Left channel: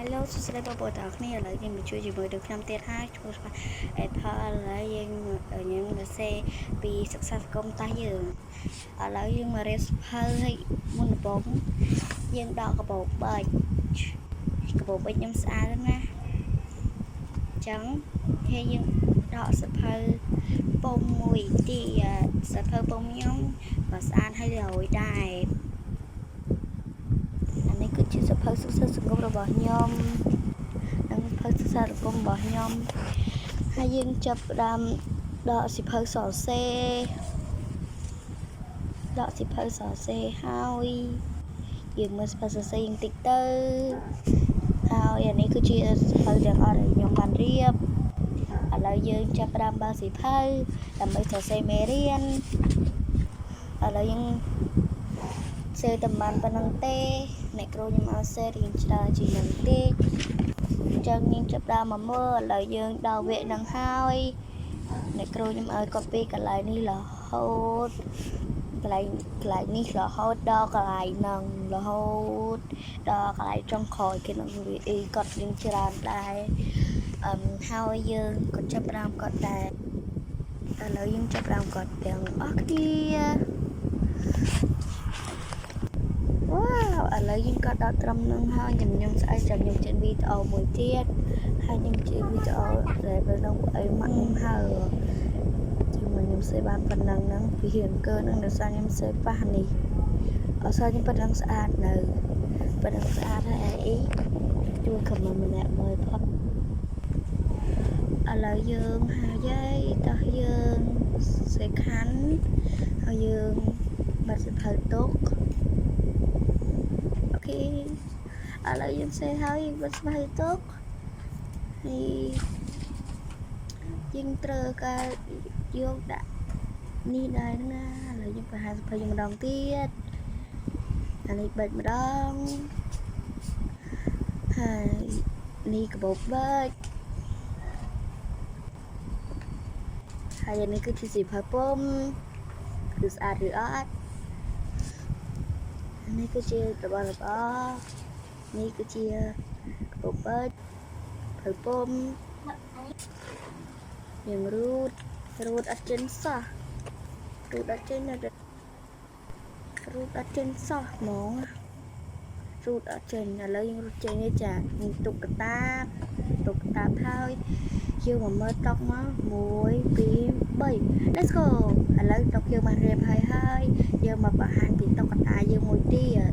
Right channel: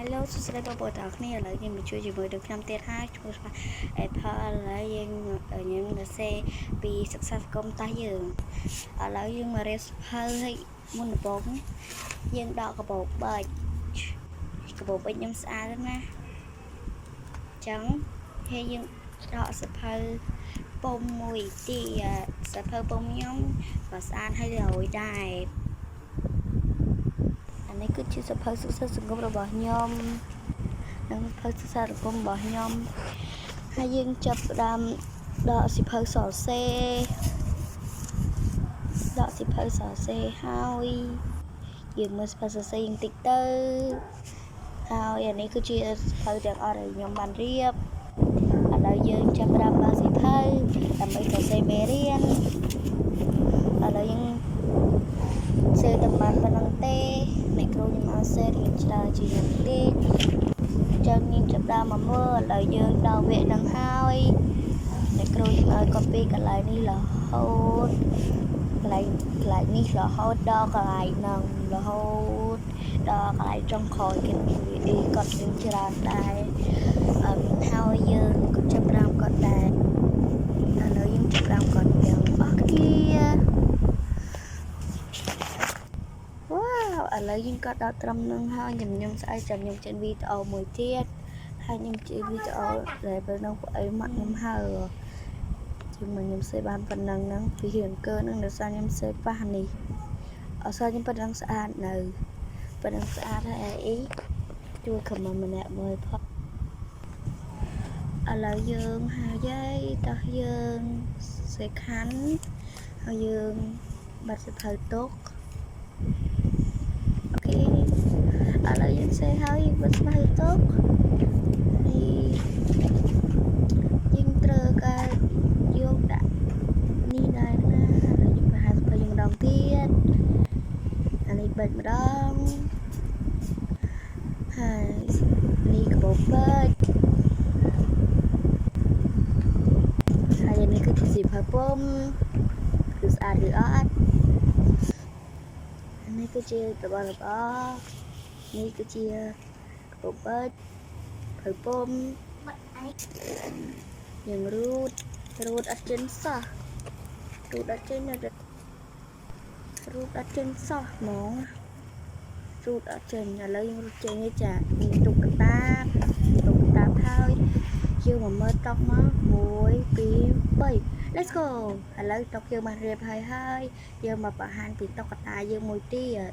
Hello សួស្តីបងប្អូនទាំងអស់គ្នាឥឡូវយើងមកជួយជាមួយនឹងខ្ញុំទៀតហើយឈ្មោះថា Apple ឥឡូវយើងសរសេរពីសិក្សាសង្គមតាយើងឥឡូវយើងមករៀនសភៅឲ្យមុនដំបូងយើងដកកាបូបបិចខ្ញុំស្អាតណាស់អញ្ចឹងហើយយើងដកសភៅពុំមួយទៀតសភៅពុំខ្ញុំក៏ស្អាតហើយរយដែរនេះគឺជាសភៅសិក្សាសង្គមរបស់ខ្ញុំនិងសភៅសិក្សាសង្គមរបស់ខ្ញុំហើយយើងចាប់ផ្ដើមដកសភៅសរសេរហើយយើងមើលសភៅសរសេរយើងតិចទៅហើយអានេះគឺជាសភៅទាំងអស់ដែលខ្ញុំបានរៀបឥឡូវយើងចាប់ផ្ដើមបើកសភៅដើម្បីសរសេរមេរៀនឥឡូវយើងសេតែបានប៉ុណ្្នឹងទេអ្នកគ្រូខ្ញុំឲ្យសេរៀងច្រើនជាងនឹងតិចអញ្ចឹងយើងចាប់ដើមមកមើលឥឡូវយើងដល់វគ្គនឹងហើយអ្នកគ្រូខ្ញុំឲ្យកូពីកន្លែងនេះរហូតកន្លែងនេះរហូតដល់កន្លែងហ្នឹងរហូតដល់កន្លែងចុងក្រោយគេនឹងវាកត់យើងច្រើនដែរហើយយើងក៏ចាប់ដើមកត់ដែរឥឡូវយើងចាប់ដើមកត់ទាំងអស់គ្នាឥឡូវយើងក៏ដល់ត្រឹមនឹងហើយខ្ញុំស្អែកចាំខ្ញុំចេញវីដេអូមួយទៀតហើយខ្ញុំចេញវីដេអូដែលពេលនោះពួកអីមកខ្ញុំហើខ្ញុំសេបានប៉ុណ្ណឹងហ្នឹងពីរៀងកើនឹងដោយសារខ្ញុំសេប៉ះនេះអត់សារខ្ញុំប៉ុណ្ណឹងស្អាតនៅប៉ុណ្ណឹងស្អាតហើយអីជួយខមមិនម្នាក់មើលផុតឥឡូវយើងហើយតោះយើងសេខាន់ហើយយើងបាត់សភៅទុកឥឡូវយើងសេហើយបាត់សភៅទុកហើយយើងត្រូវការយកដាក់នេះដែរណាឥឡូវយើងបង្ហាញសភៅយើងម្ដងទៀតអានេះបិចម្ដងហើយនេះកាបូបបិចហើយនេះគឺជាសភៅពុំគឺស្អាតឬអត់នេះគឺជារបស់នេះគឺជាកាបូបបិចភៅពុំយើងរូតអត់ចេញសោះរូតអត់ចេញហ្មងរូតអត់ចេញឥឡូវយើងរូតចេញទេចាយើងទុកកតាបហើយយើងមកមើលតុកមក1 2 3 Let's go ឥឡូវតុកយើងបានរៀបហើយយើងមកបង្ហាញពីតុកតាយើងមួយទៀត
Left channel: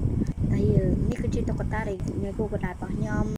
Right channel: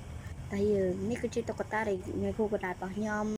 តែយើងនេះគឺជាតុកតាដែលគ្រូកតារបស់ខ្ញុំ